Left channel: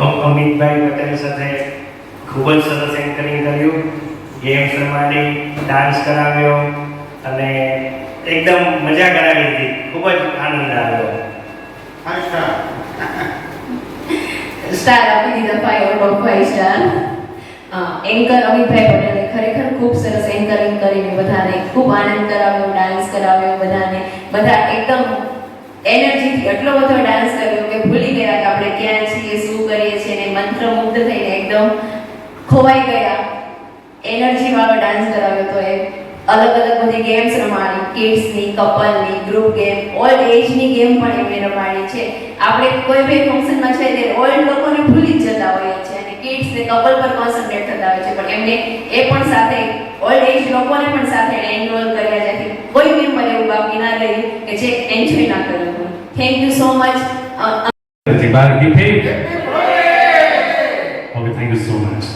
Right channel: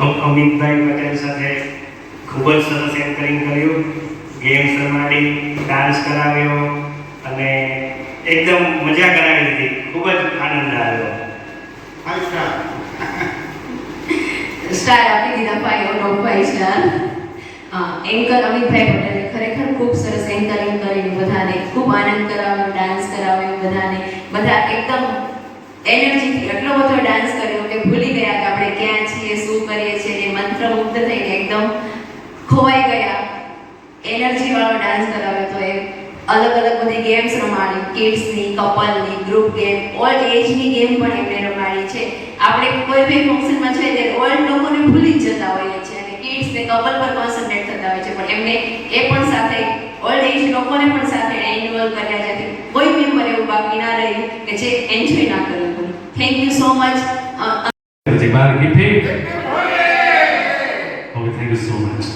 અમિતભાઈ પટેલ સાથે ખૂબ જ સરસ એન્કરિંગ કર્યું, ગેમ્સ રમાડી, ડાન્સ કરાવ્યો અને એકદમ મજા કરાવી હતી. ખૂબ જ આનંદ આવ્યો. સ્ટાર આપી દીધા 5 out of 5 star. Anchor Amitbhai પટેલે ખરેખર ખૂબ સરસ એન્કરિંગ કરીને બધાને ખૂબ આનંદ કરાવ્યો, ડાન્સ કરાવ્યો બધાને. બધા એકદમ એનર્જીથી એટલો બધો ડાન્સ કર્યો કે ભૂલી ગયા કે આપણે ક્યાં છીએ, શું કરીએ છીએ, ને મંત્રમુગ્ધ થઈને એકદમ ખોવાઈ ગયા. એનર્જી વાળો ડાન્સ કરાવ્યો. તો એ અલગ અલગ બધી ગેમ્સ રમાડી, કિડ્સની, કપલની, ગ્રુપ ગેમ, ઓલ્ડ એજની ગેમ પણ એમણે રમાડી છે. આપણે કોઈ બી ફંક્શનમાં છે તે ઓલ્ડ લોકોને ભૂલી જ જતા હોઈએ છીએ અને કિડ્સ ને કપલ પર કોન્સન્ટ્રેટ થતા હોય છે, પણ એમને એ પણ સાથે ઓલ્ડ એજ લોકોને પણ સાથે ઇન્વોલ્વ કર્યા, જેથી કોઈ મેમ્બર એવું બાકી ના રહ્યું કે જે એન્જોય ના કર્યું હોય. Thank you so much. Everybody get paid. Okay, thank you so much.